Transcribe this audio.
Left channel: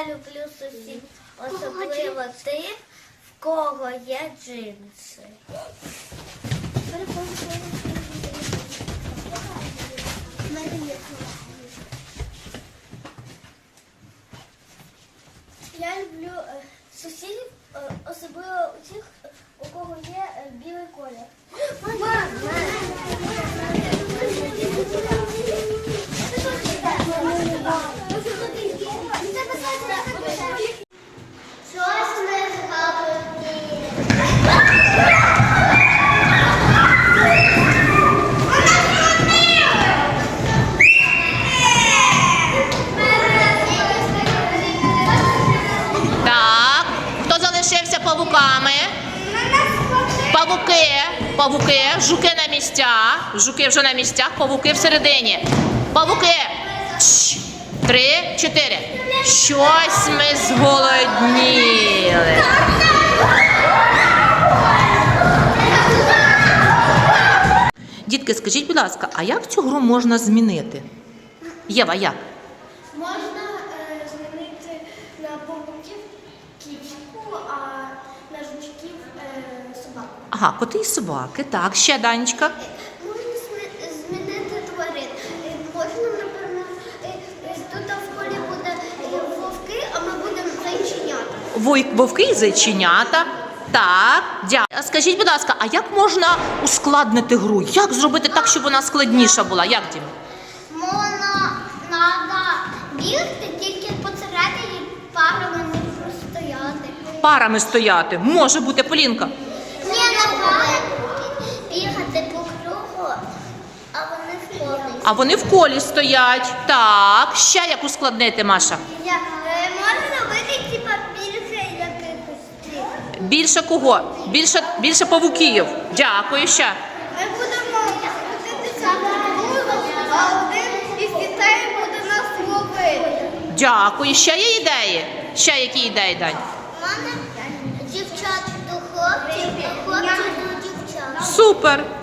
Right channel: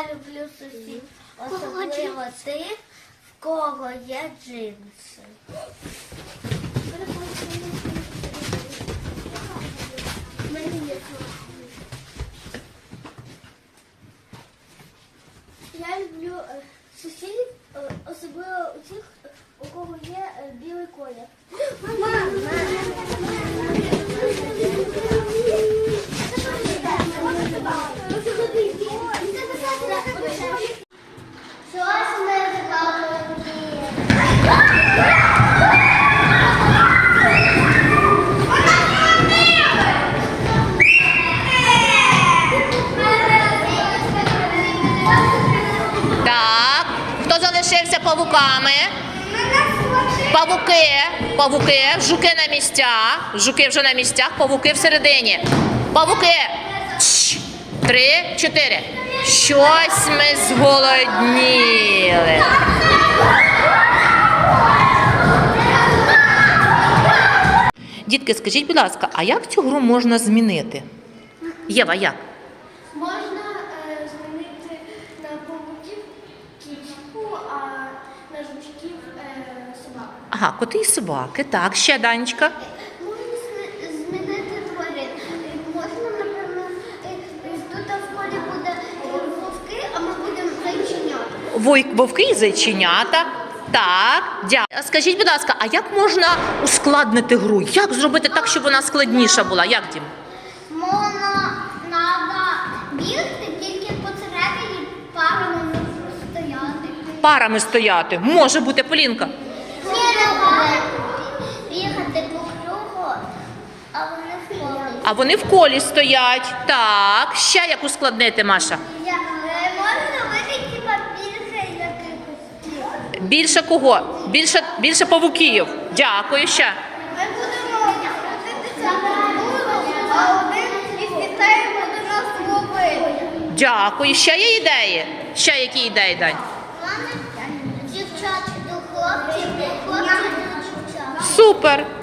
Я люблю сусід, особливо тих, в кого є джинси. Я люблю е, сусідів, е, особливо у тих, у кого є е, білий колір. Мама! Павуками? Павуки, павуки, жуки на місцях. Жуки вже на місцях, павуки всередині. Павуки. Три, чотири. Щось ми зголодніли. Дітки, скажіть, будь ласка, а як цю гру можна змінити? Єва, як? Можна е, змінити на павуків кішку, а на жучків е, собаку. Ага, коти і собаки. Так, ще Данечка. Можна зми- змінити тварин. Е, Можна, напевно, е, е, тут в буде е, вовки, а ми будемо зайченята. Вой- Вовки і зайченята. Так, дякую. А Скажіть, будь ласка, а як можна ускладнити гру? Як зробити так, щоб вона складніша була? Як Дім? Можна треба бігти тільки посередині парами. Парами стояти. Може бути Полінка. Ні, давай бігати по кругу, а вони в колі. А вони в колі стоять. Так, ще як ускладнити, Маша? Я, е, можна робити типа більше якихось. Більше кого? Більше, більше павуків. Дякую ще. Ми будемо крутитися а один із дітей буде нас ловити. Дякую. Ще є ідеї? Ще які ідеї, Дань? Супер.